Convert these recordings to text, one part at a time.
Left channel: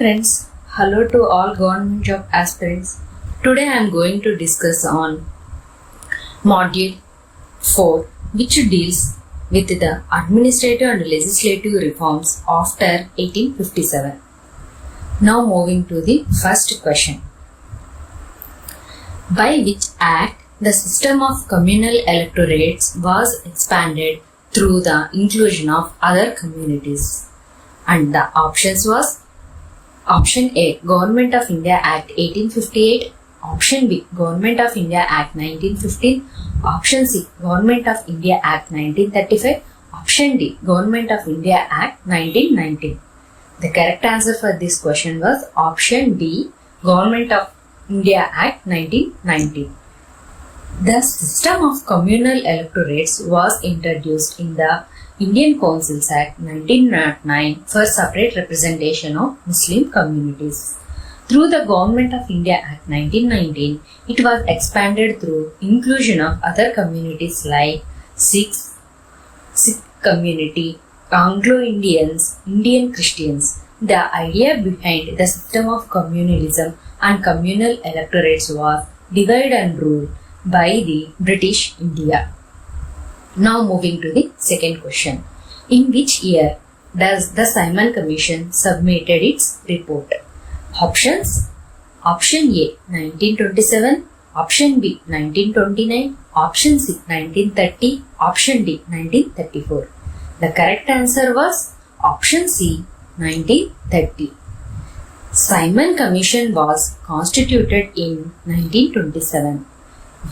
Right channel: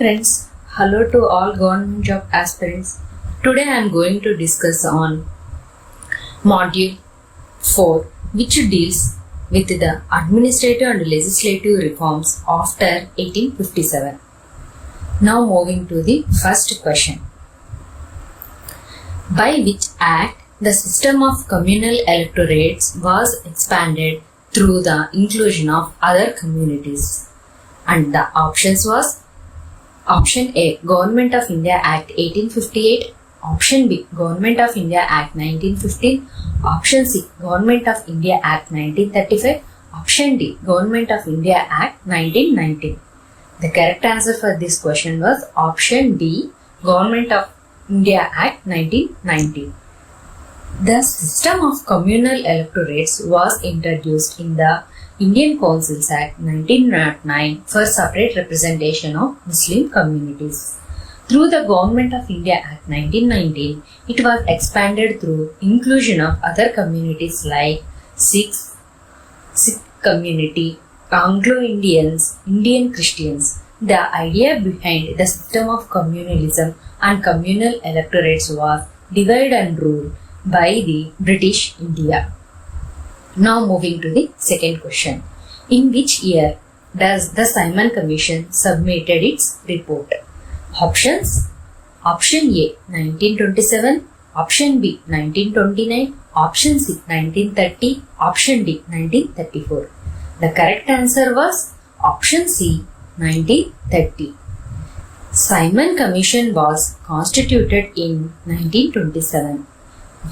Friends, hello to all government job aspirants. Today I am going to discuss on module 4, which deals with the administrative and legislative reforms after 1857. Now moving to the first question. By which act the system of communal electorates was expanded through the inclusion of other communities? And the options was Option A, Government of India Act 1858. Option B, Government of India Act 1915. Option C, Government of India Act 1935. Option D, Government of India Act 1919. The correct answer for this question was option D, Government of India Act 1919. The system of communal electorates was introduced in the Indian Councils Act 1909 for separate representation of Muslim communities. Through the Government of India Act 1919, it was expanded through inclusion of other communities like Sikh community, Anglo-Indians, Indian Christians. The idea behind the system of communalism and communal electorates was divide and rule by the British India. Now moving to the second question. In which year does the Simon Commission submitted its report? Options: Option A 1927, Option B 1929, Option C 1930, Option D 1934. The correct answer was Option C 1930. Simon Commission was constituted in 1927,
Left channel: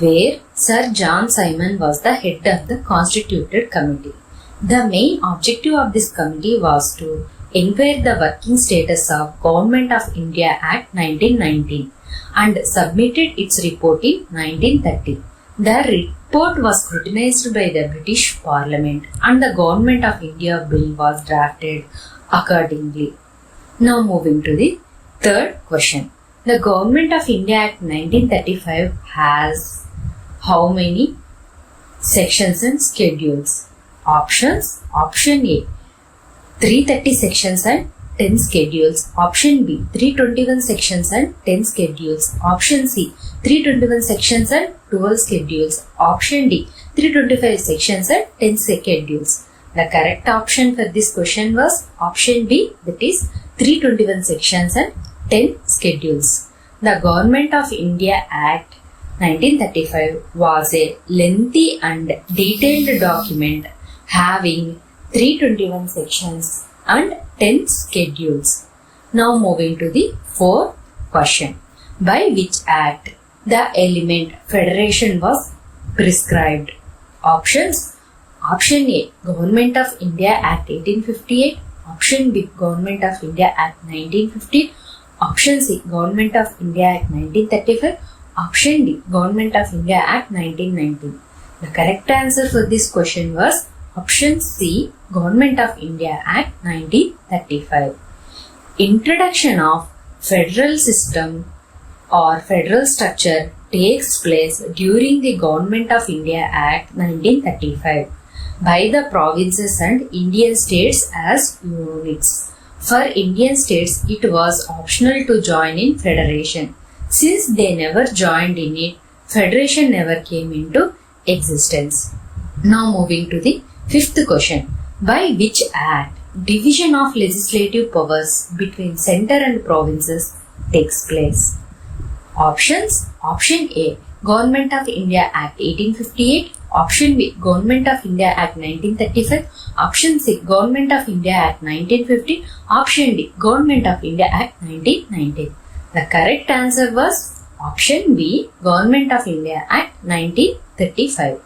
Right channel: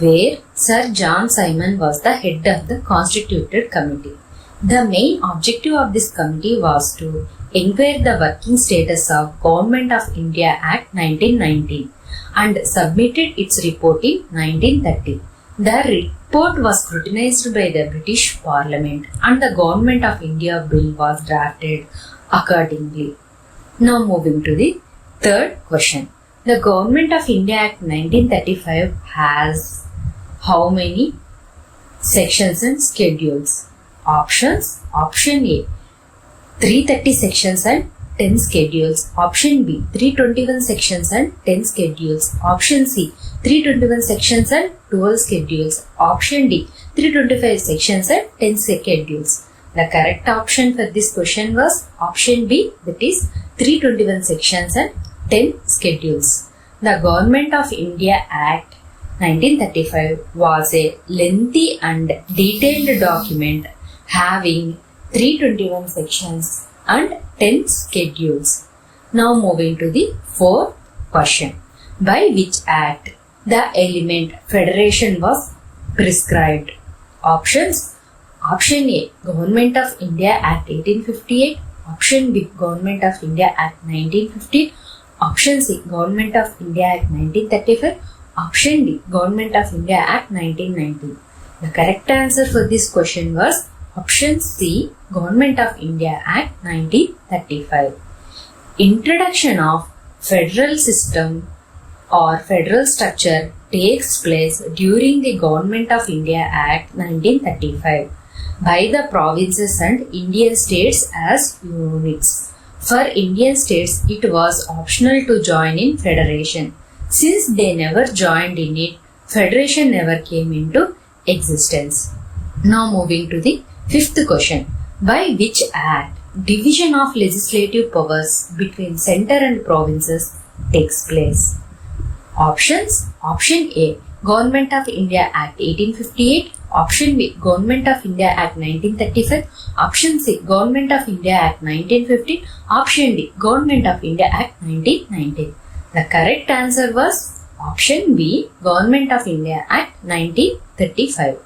where Sir John Simon was the head of the constituted committee. The main objective of this committee was to inquire the working status of Government of India Act 1919 and submitted its report in 1930. The report was scrutinized by the British Parliament and the Government of India Bill was drafted accordingly. Now moving to the third question. The Government of India Act 1935 has how many sections and schedules? Options: Option A 330 sections and 10 schedules. Option B 321 sections and 10 schedules. Option C 321 sections and 12 schedules. Option D 325 sections and 10 schedules. The correct option for this question was option B, that is 321 sections and 10 schedules. The Government of India Act 1935 was a lengthy and detailed document having 321 sections and 10 schedules. Now moving to the fourth question. By which act the element federation was prescribed? Options: Option A, Government of India Act 1858. Option B, Government of India Act 1915. Option C, Government of India Act 1935. Option D, Government of India Act 1919. The correct answer for this question was option C, Government of India Act 1935. Introduction of federal system or federal structure takes place during the Government of India Act 1935 by the provinces and Indian states as units. For Indian states, it was optional to join in federation. Since they never joined in it, federation never came into existence. Now moving to the fifth question. By which act division of legislative powers between center and provinces takes place? Options: Option A, Government of India Act 1858. Option B, Government of India Act 1935. Option C, Government of India Act 1915. Option D, Government of India Act 1919. The correct answer was option B, Government of India Act 1935.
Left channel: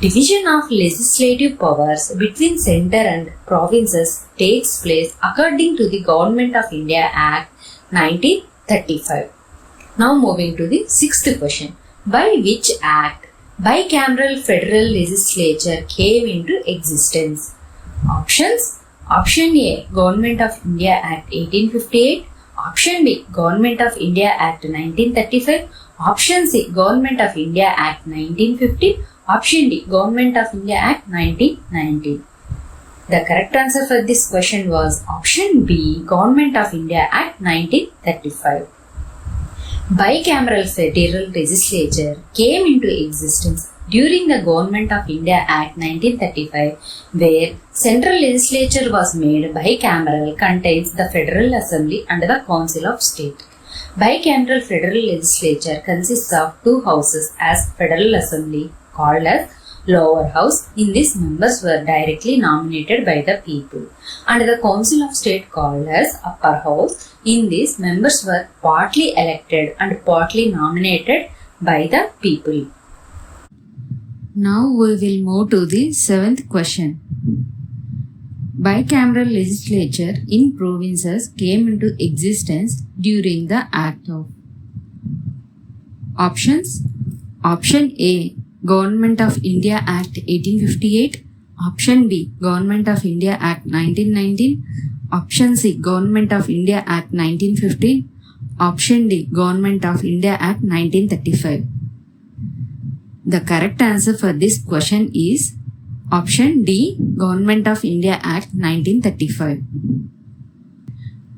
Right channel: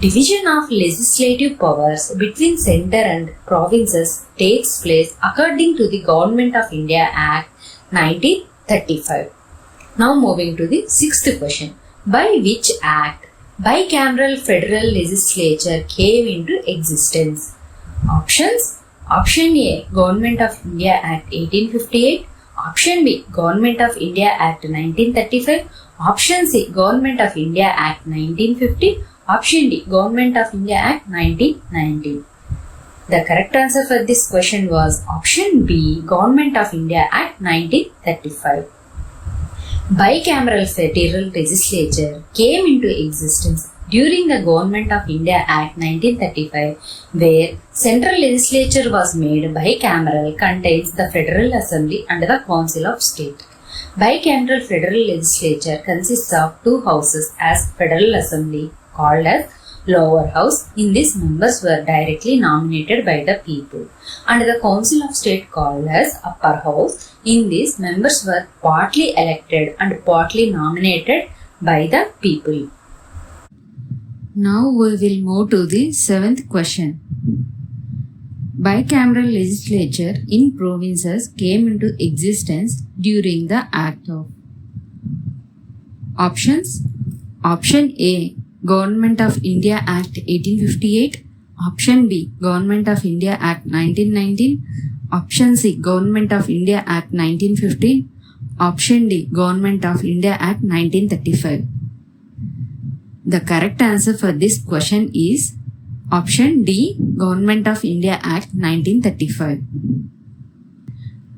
Division of legislative powers between center and provinces takes place according to the Government of India Act 1935. Now moving to the sixth question. By which act bicameral federal legislature came into existence? Options: Option A, Government of India Act 1858. Option B, Government of India Act 1935. Option C, Government of India Act 1915. Option D, Government of India Act 1919. The correct answer for this question was option B, Government of India Act 1935. Bicameral federal legislature came into existence during the Government of India Act 1935, where central legislature was made bicameral, contains the Federal Assembly and the Council of State. Bicameral federal legislature consists of two houses as Federal Assembly, called as lower house. In this, members were directly nominated by the people, and the Council of State, called as upper house. In this, members were partly elected and partly nominated by the people. Now we will move to the 7th question. Bicameral legislature in provinces came into existence during the Act of. Options: Option A, Government of India Act 1858. Option B, Government of India Act 1919. Option C, Government of India Act 1915. Option D, Government of India Act 1935. The correct answer for this question is option D, Government of India Act 1935.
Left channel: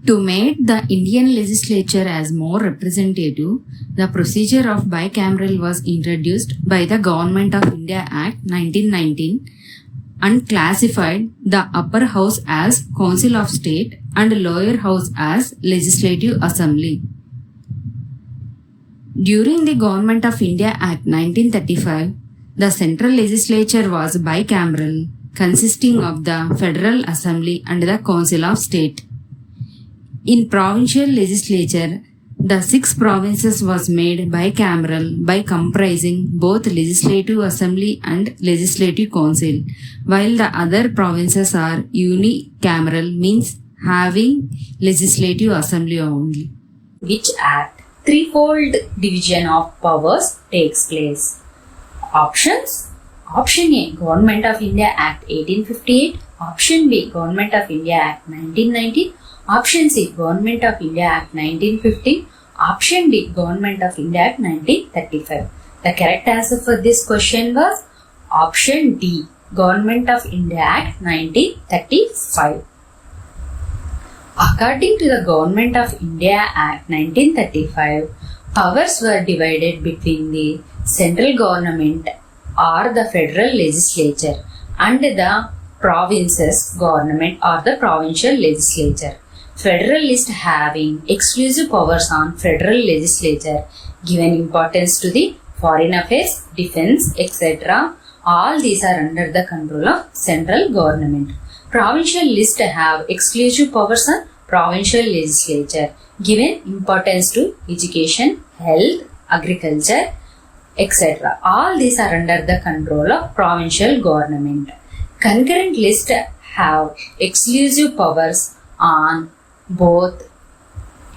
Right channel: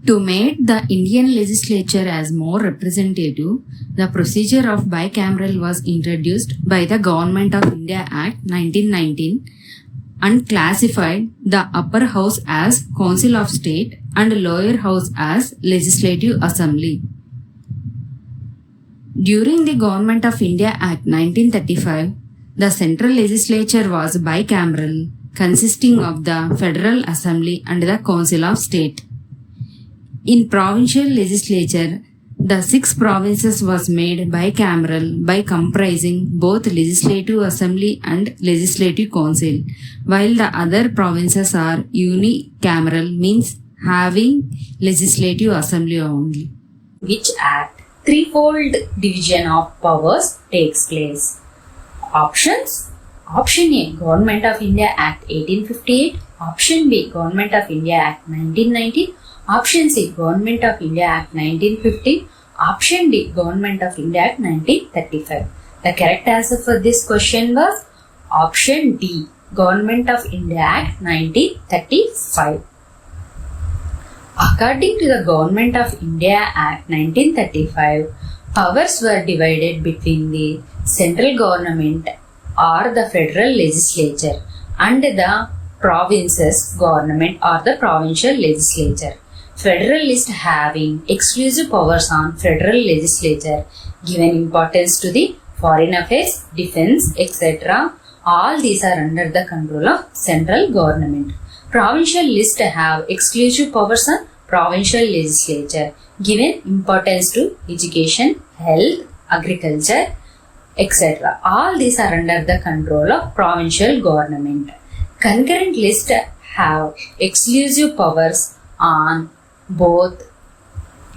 To make the Indian legislature as more representative, the procedure of bicameral was introduced by the Government of India Act 1919 and classified the upper house as Council of State and lower house as Legislative Assembly. During the Government of India Act 1935, the central legislature was bicameral, consisting of the Federal Assembly and the Council of State. In provincial legislature, the 6 provinces was made bicameral by comprising both Legislative Assembly and Legislative Council, while the other provinces are unicameral, means having Legislative Assembly only. Which act threefold division of powers takes place? Options: Option A, Government of India Act 1858. Option B, Government of India Act 1990. Option C, Government of India Act 1915. Option D, Government of India Act 1935. The correct answer for this question was option D, Government of India Act 1935. According to the Government of India Act 1935, powers were divided between the central government or the federal legislature and the provinces government or the provincial legislature. Federalists having exclusive powers on federal legislature, given importance to the foreign affairs, defense, etc. All these are under the control of central government. Provincial lists have exclusive powers on provincial legislature, given importance to education, health, agriculture, etc. All these are under the control of provincial government. Concurrent lists have exclusive powers on both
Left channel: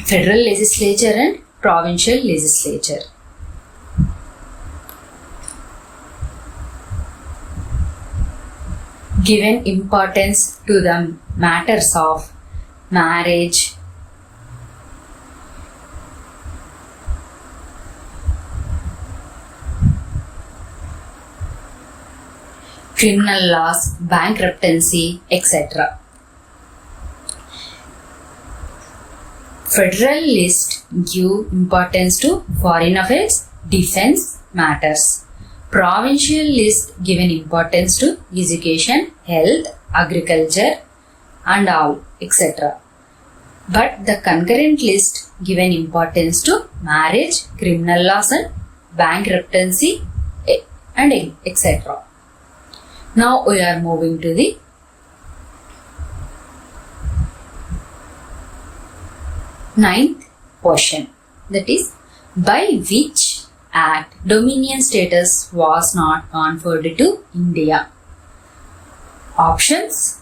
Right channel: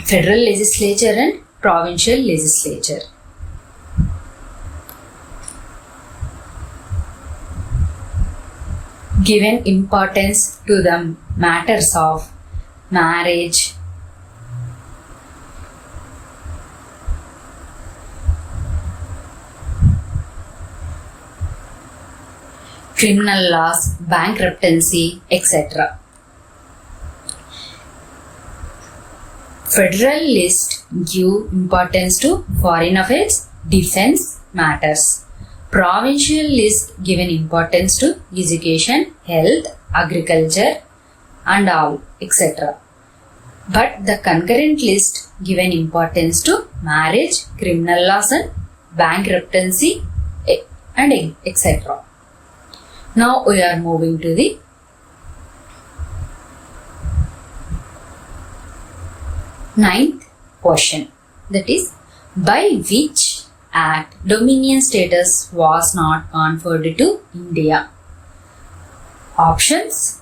federal legislature and provincial legislature. Given importance to the matters of marriage, criminal laws, bankruptcy, etc. Federalists give importance to foreign affairs, defense matters. Provincial lists given importance to education, health, agriculture and all, etc. But the concurrent list given importance to marriage, criminal laws and bankruptcy and etc. Now we are moving to the ninth question, that is, by which act dominion status was not conferred to India? Options:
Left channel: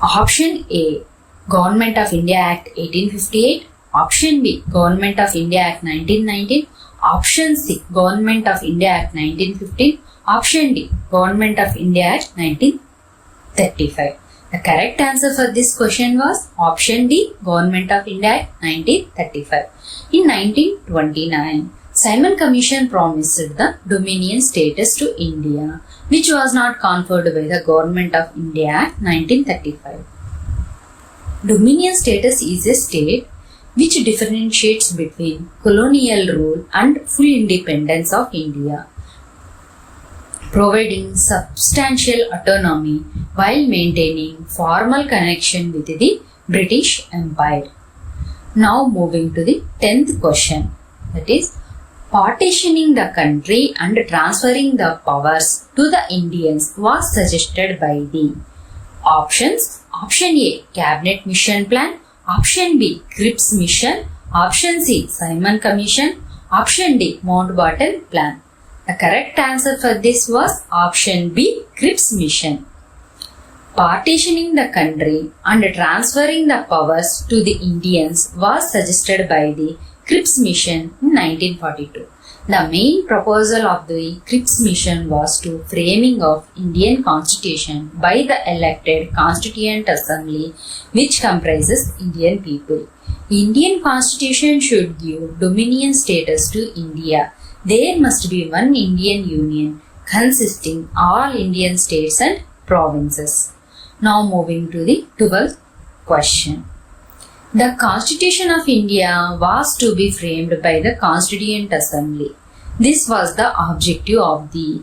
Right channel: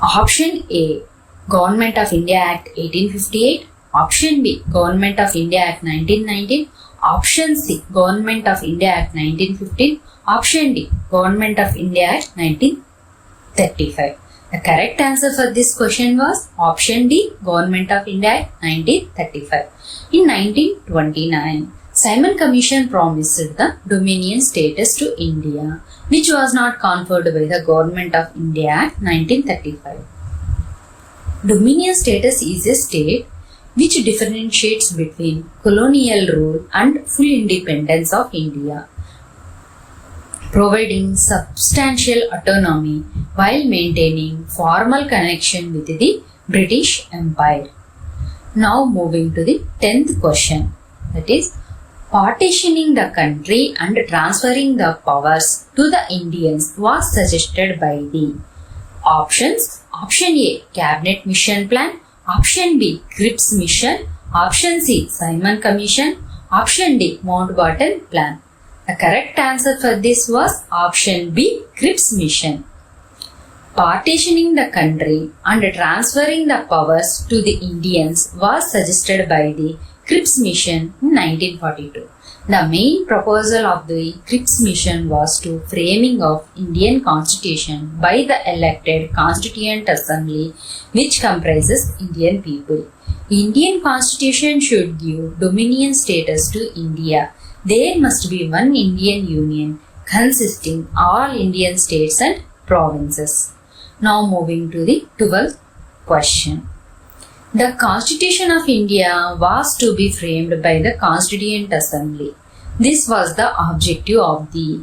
Option A, Government of India Act 1858. Option B, Government of India Act 1919. Option C, Government of India Act 1915. Option D, Government of India Act 1935. The correct answer for this question was option D, Government of India Act 1935. In 1929, Simon Commission promised the dominion status to India. which was not conferred by the Government of India Act 1935. Dominion status is a state which differentiates between colonial rule and full independence of India, providing substantial autonomy while maintaining formal connection with the British Empire. Now moving to the 10th question, that is, partitioning the country and transferring the powers to the Indians was suggested by the options. Option A, Cabinet Mission Plan. Option B, Cripps Mission. Option C, Simon Commission. Option D, Mountbatten Plan. The correct answer for this was option B, Cripps Mission. Partitioning the country and transferring the powers to the Indians was suggested by the Cripps Mission in 1942. The main proposal of the Cripps Mission was to framing of Indian Constitution by the elected Constituent Assembly, which comprises Indian people. Indian Constitution should give dominion status to India. There must be one Indian Union consisting all Indian states and provinces. Now moving to the 12th question. The Constitution of India was to be framed by the Constituent Assembly. This was the objective of the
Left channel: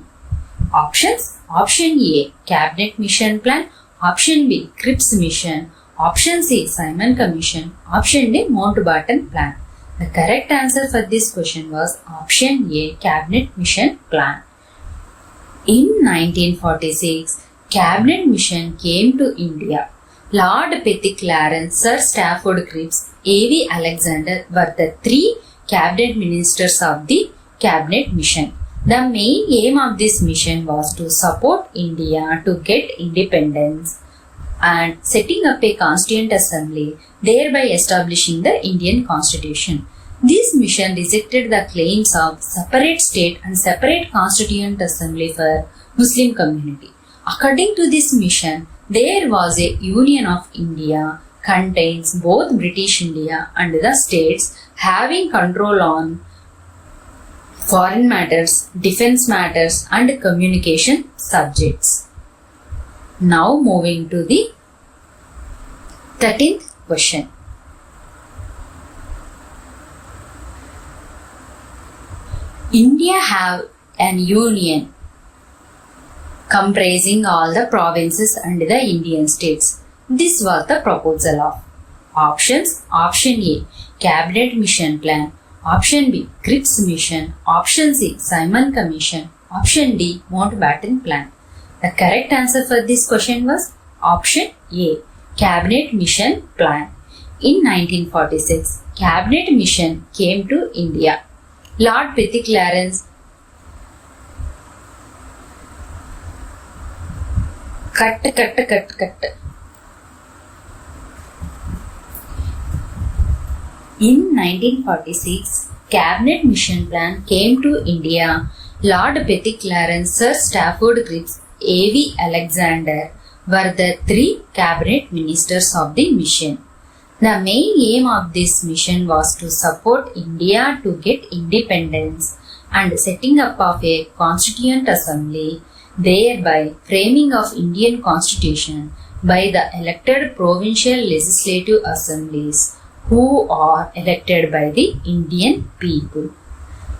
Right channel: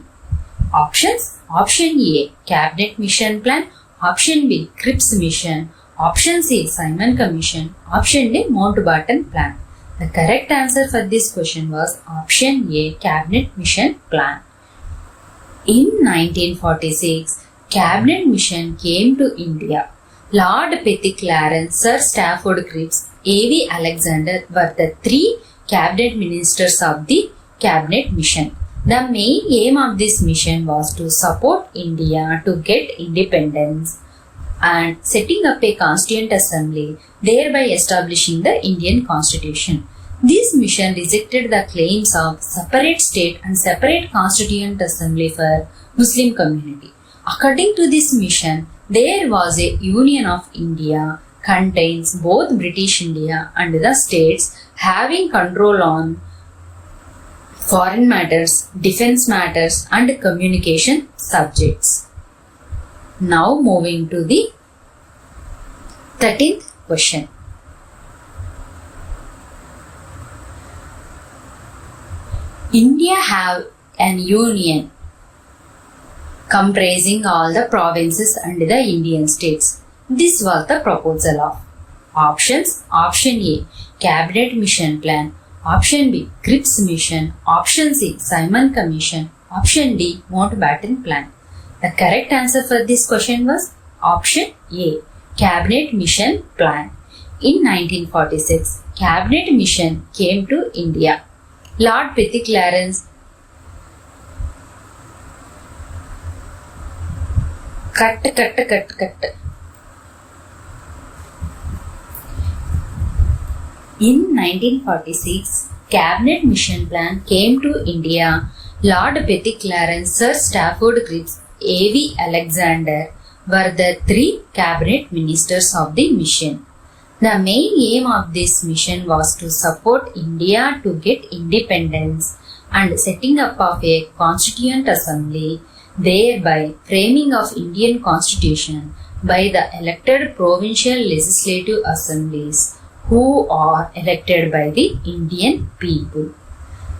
options. Option A, Cabinet Mission Plan. Option B, Cripps Mission. Option C, Simon Commission. Option D, Mountbatten Plan. The correct answer for this question was option A, Cabinet Mission Plan. In 1946, Cabinet Mission came to India. Lord Petty Clarence, Sir Stafford Cripps, A.V. Alexander were the three cabinet ministers of the Cabinet Mission. The main aim of this mission was to support India to get independence and setting up a Constituent Assembly, thereby establishing the Indian Constitution. This mission rejected the claims of separate state and separate Constituent Assembly for Muslim community. According to this mission, there was a Union of India contains both British India and the states having control on foreign matters, defense matters and communication subjects. Now moving to the 13th question. India have an union comprising all the provinces and the Indian states. This was the proposal of options. Option A, Cabinet Mission Plan. Option B, Cripps Mission. Option C, Simon Commission. Option D, Mountbatten Plan. The correct answer for this question was option A, Cabinet Mission Plan. In 1946, Cabinet Mission came to India. Lord Petty Clarence cut. In 1946, Cabinet Mission Plan came to India. Lord Petty Clarence, Sir Stafford Cripps, A.V. Alexander were the three cabinet ministers of the mission. The main aim of this mission was to support India to get independence and setting up of a Constituent Assembly, thereby framing of Indian Constitution by the elected provincial legislative assemblies who are elected by the Indian people.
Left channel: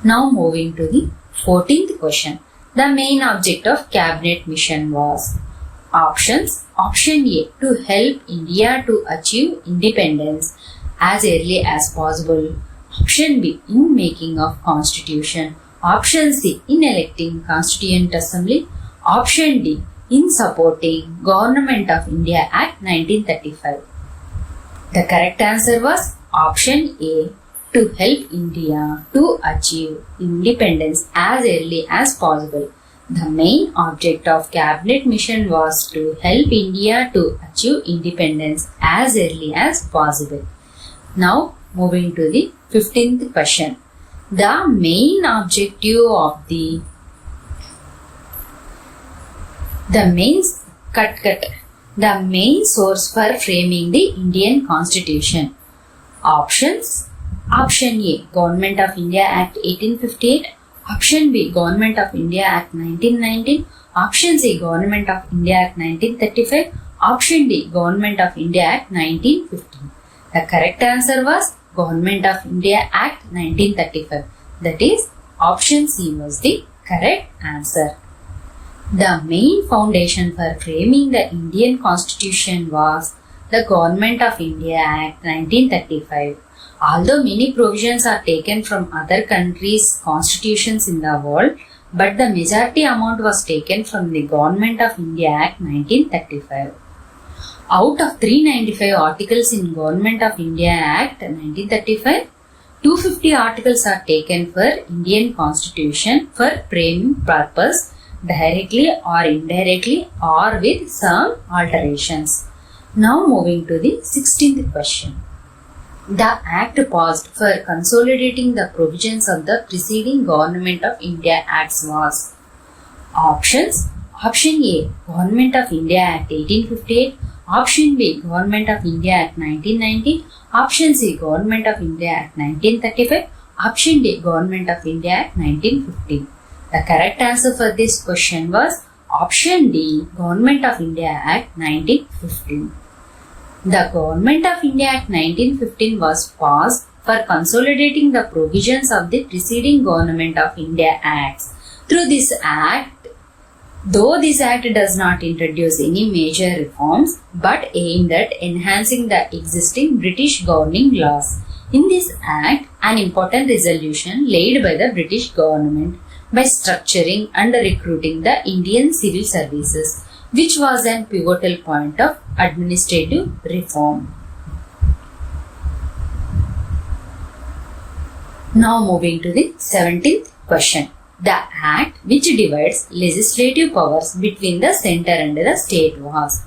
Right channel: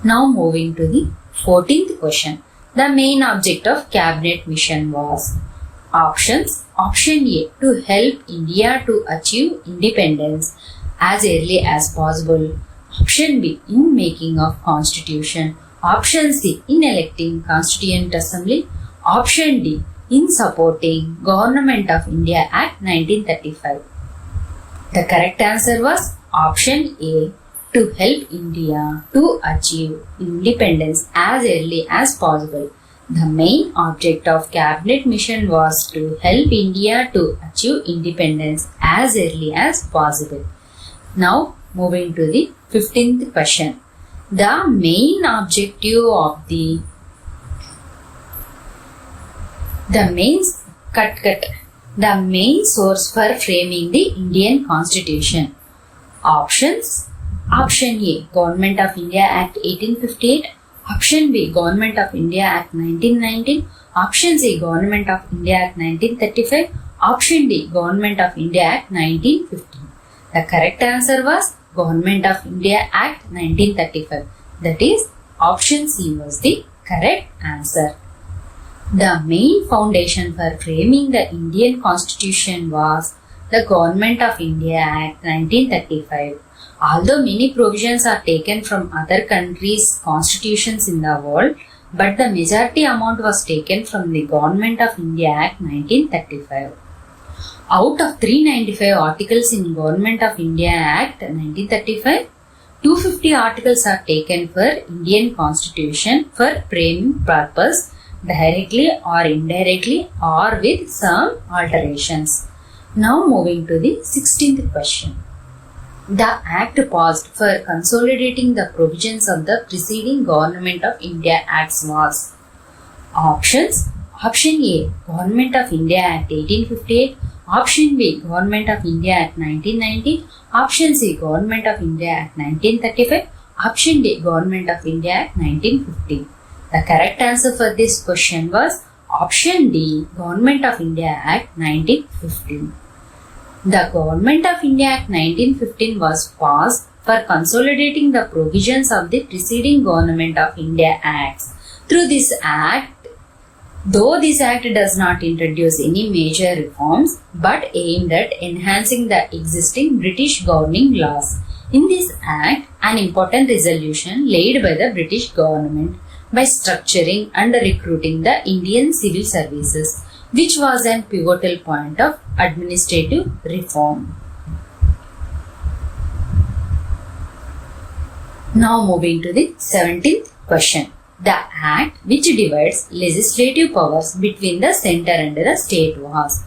Now moving to the 14th question. The main object of Cabinet Mission was options. Option A, to help India to achieve independence as early as possible. Option B, in making of Constitution. Option C, in electing Constituent Assembly. Option D, in supporting Government of India Act 1935. The correct answer was option A, to help India to achieve independence as early as possible. The main object of Cabinet Mission was to help India to achieve independence as early as possible. Now moving to the 15th question. The main objective of the main source for framing the Indian Constitution. Options. Option A, Government of India Act 1858. Option B, Government of India Act 1919. Option C, Government of India Act 1935. Option D, Government of India Act 1915. The correct answer was Government of India Act 1935. That is, option C was the correct answer. The main foundation for framing the Indian Constitution was the Government of India Act 1935. Although many provisions are taken from other countries' constitutions in the world, but the majority amount was taken from the Government of India Act 1935. Out of 395 articles in Government of India Act 1935, 250 articles are taken for Indian Constitution for framing purpose directly or indirectly or with some alterations. Now moving to the 16th question. The Act passed for consolidating the provisions of the preceding Government of India Acts was options. Option A, Government of India Act 1858. Option B, Government of India Act 1990. Option C, Government of India Act 1935. Option D, Government of India Act 1950. The correct answer for this question was option D, Government of India Act 1915. The Government of India Act 1915 was passed for consolidating the provisions of the preceding Government of India Acts. Through this Act, though this Act does not introduce any major reforms but aimed at enhancing the existing British governing laws. In this Act, an important resolution laid by the British government by structuring and recruiting the Indian civil services, which was a pivotal point of administrative reform. Now moving to the 17th question. The Act which divides legislative powers between the centre and the state was.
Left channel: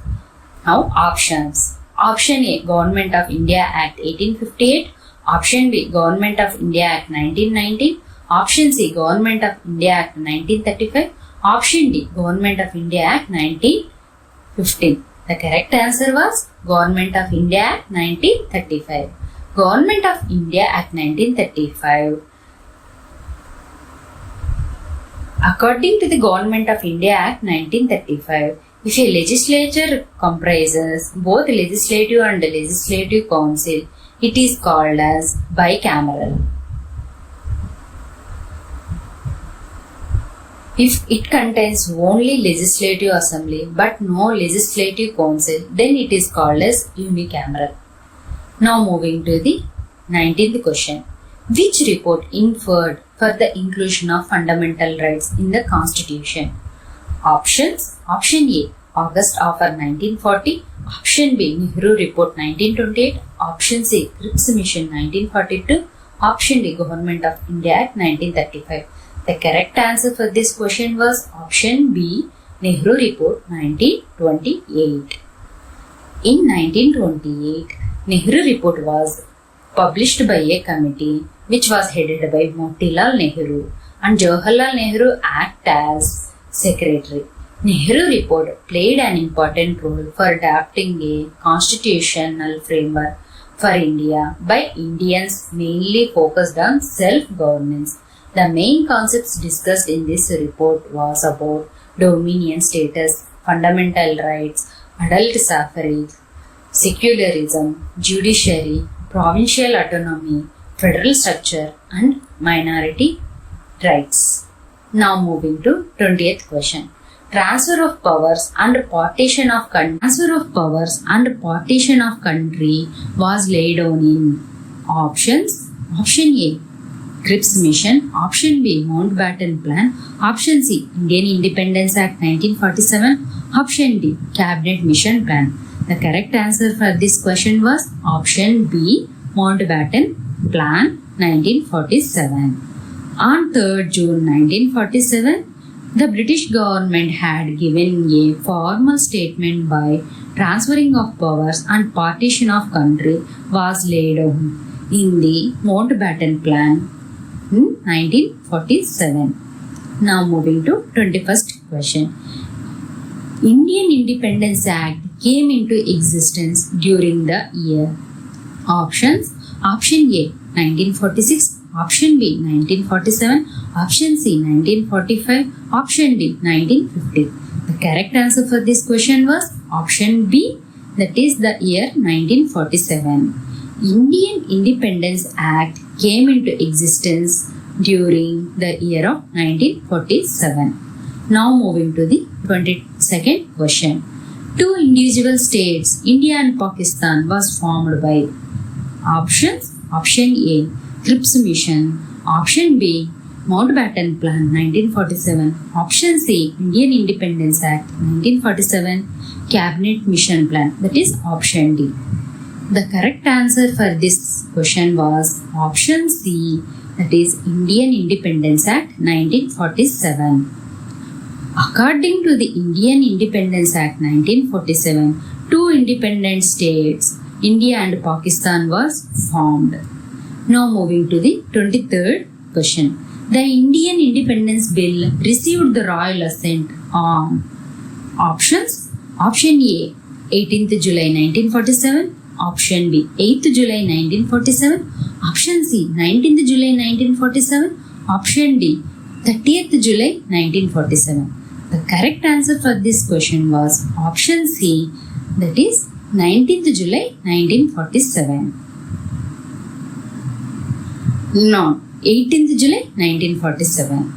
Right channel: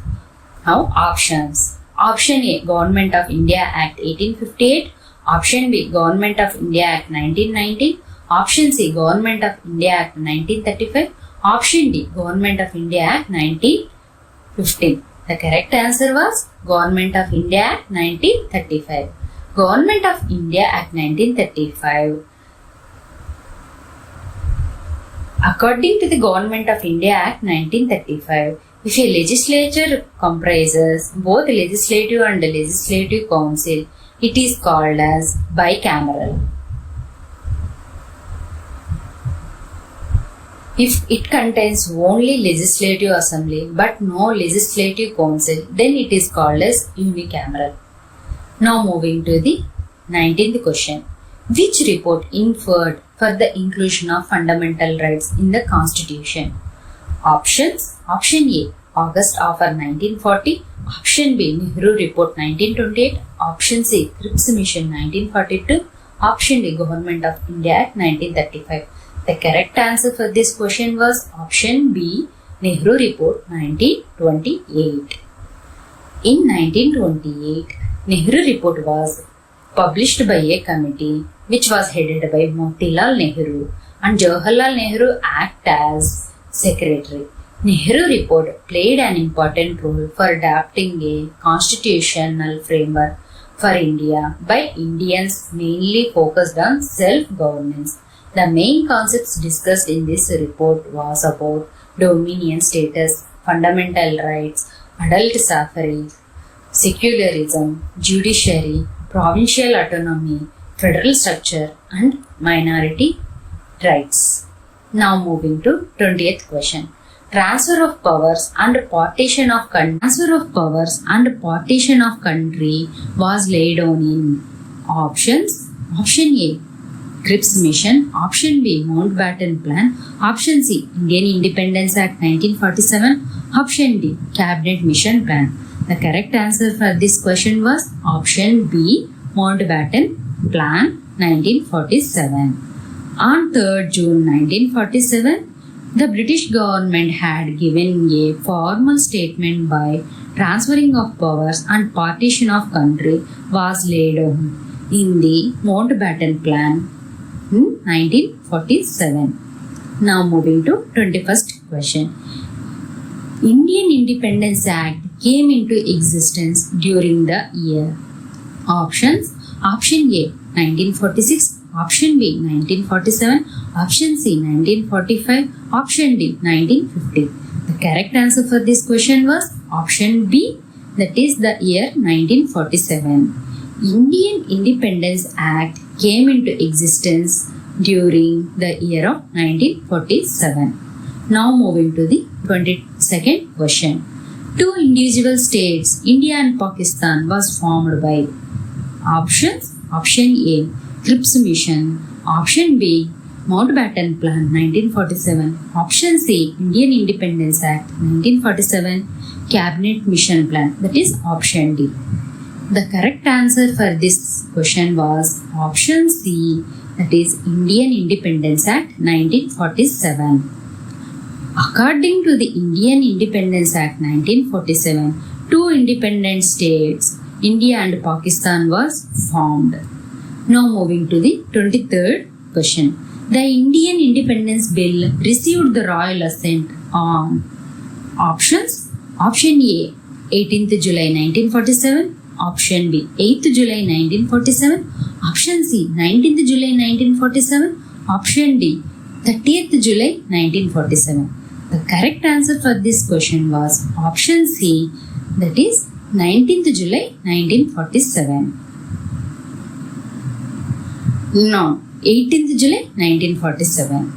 Now options. Option A, Government of India Act 1858. Option B, Government of India Act 1990. Option C, Government of India Act 1935. Option D, Government of India Act 1915. The correct answer was Government of India Act 1935. Government of India Act 1935. According to the Government of India Act 1935, if a legislature comprises both legislative and legislative council, it is called as bicameral. If it contains only legislative assembly but no legislative council, then it is called as unicameral. Now moving to the 19th question. Which report inferred for the inclusion of fundamental rights in the Constitution? Options. Option A, August Offer 1940. Option B, Nehru Report 1928. Option C, Cripps Mission 1942. Option D, Government of India Act 1935. The correct answer for this question was option B, Nehru Report 1928. In 1928, Nehru Report was published by a committee which was headed by Motilal Nehru and Jawaharlal Nehru act as secretary. Nehru Report played an important role for adopting a constitutional framework for India by Indians mainly focused on self-governance. The main concepts discussed in this report was about dominion status, fundamental rights, adult suffrage, secularism, judiciary, provincial autonomy, federal structure and minority rights. Now moving to 20th question. Transfer of powers and partition of country was laid on in options. Option A, Cripps Mission. Option B, Mountbatten Plan. Option C, Indian Independence Act 1947. Option D, Cabinet Mission Plan. The correct answer for this question was option B, Mountbatten Plan 1947. On 3rd June 1947, the British government had given a formal statement by transferring of powers and partition of country was laid on in the Mountbatten Plan in 1947. Now moving to 21st question. Indian Independence Act came into existence during the year. Options. Option A, 1946. Option B 1947. Option C 1945. Option D 1950. The correct answer for this question was option B, that is the year 1947. Indian Independence Act came into existence during the year of 1947. Now moving to the 22nd question. Two individual states, India and Pakistan, was formed by options. Option A, Cripps Mission. Option B, Mountbatten Plan 1947. Option C, Indian Independence Act 1947. Cabinet Mission Plan, that is option D. The correct answer for this question was option C, that is Indian Independence Act 1947. According to the Indian Independence Act 1947, two independent states, India and Pakistan, was formed. Now moving to the 23rd question. The Indian Independence Bill received the royal assent on options. Option A, 18th July 1947. Option B, 8th July 1947. Option C, 19th July 1947. Option D, 30th July 1947. The correct answer for this question was option C, that is 19th July 1947. Not 18th July 1947.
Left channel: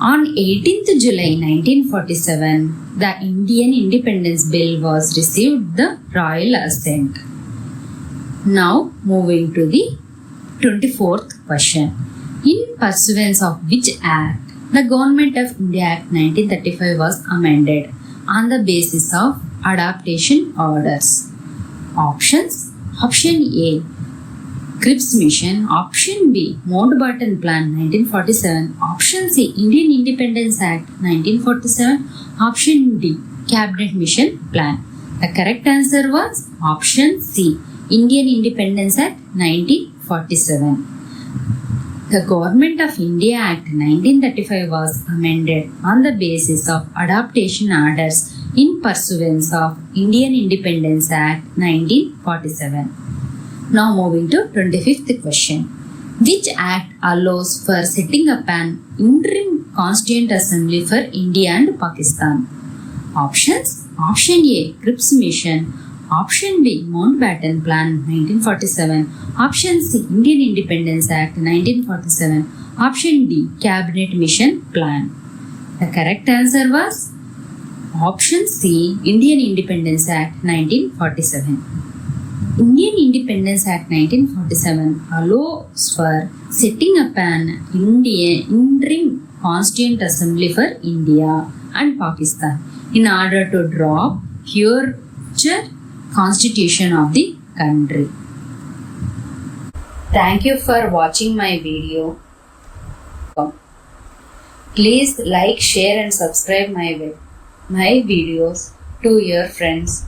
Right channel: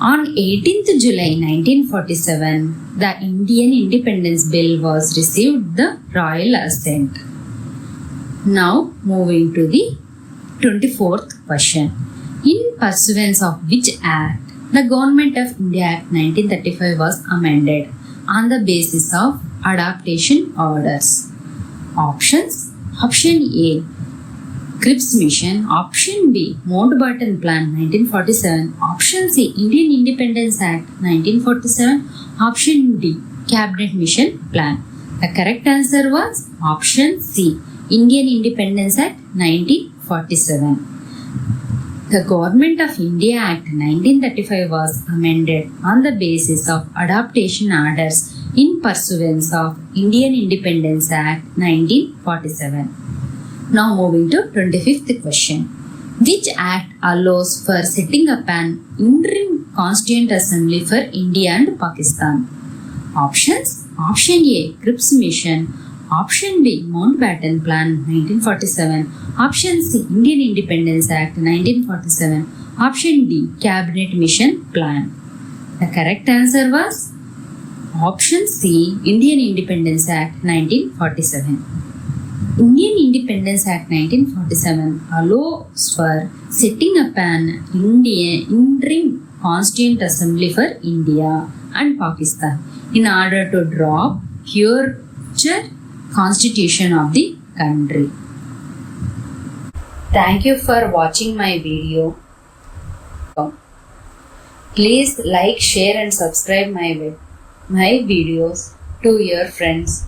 On 18th July 1947, the Indian Independence Bill was received the royal assent. Now moving to the 24th question. In pursuance of which act the Government of India Act 1935 was amended on the basis of adaptation orders? Options. Option A, Cripps Mission. Option B, Mountbatten Plan 1947. Option C, Indian Independence Act 1947. Option D, Cabinet Mission Plan. The correct answer was option C, Indian Independence Act 1947. The Government of India Act 1935 was amended on the basis of adaptation orders in pursuance of Indian Independence Act 1947. Now moving to 25th question. Which act allows for setting up an interim constituent assembly for India and Pakistan? Options. Option A, Cripps Mission. Option B, Mountbatten Plan 1947. Option C, Indian Independence Act 1947. Option D, Cabinet Mission Plan. The correct answer was option C, Indian Independence Act 1947. Indian Independence Act 1947 allows for setting up an interim constituent assembly for India and Pakistan in order to draw future constitution of the country. Thank you for watching my video. Please like, share and subscribe my videos to your friends.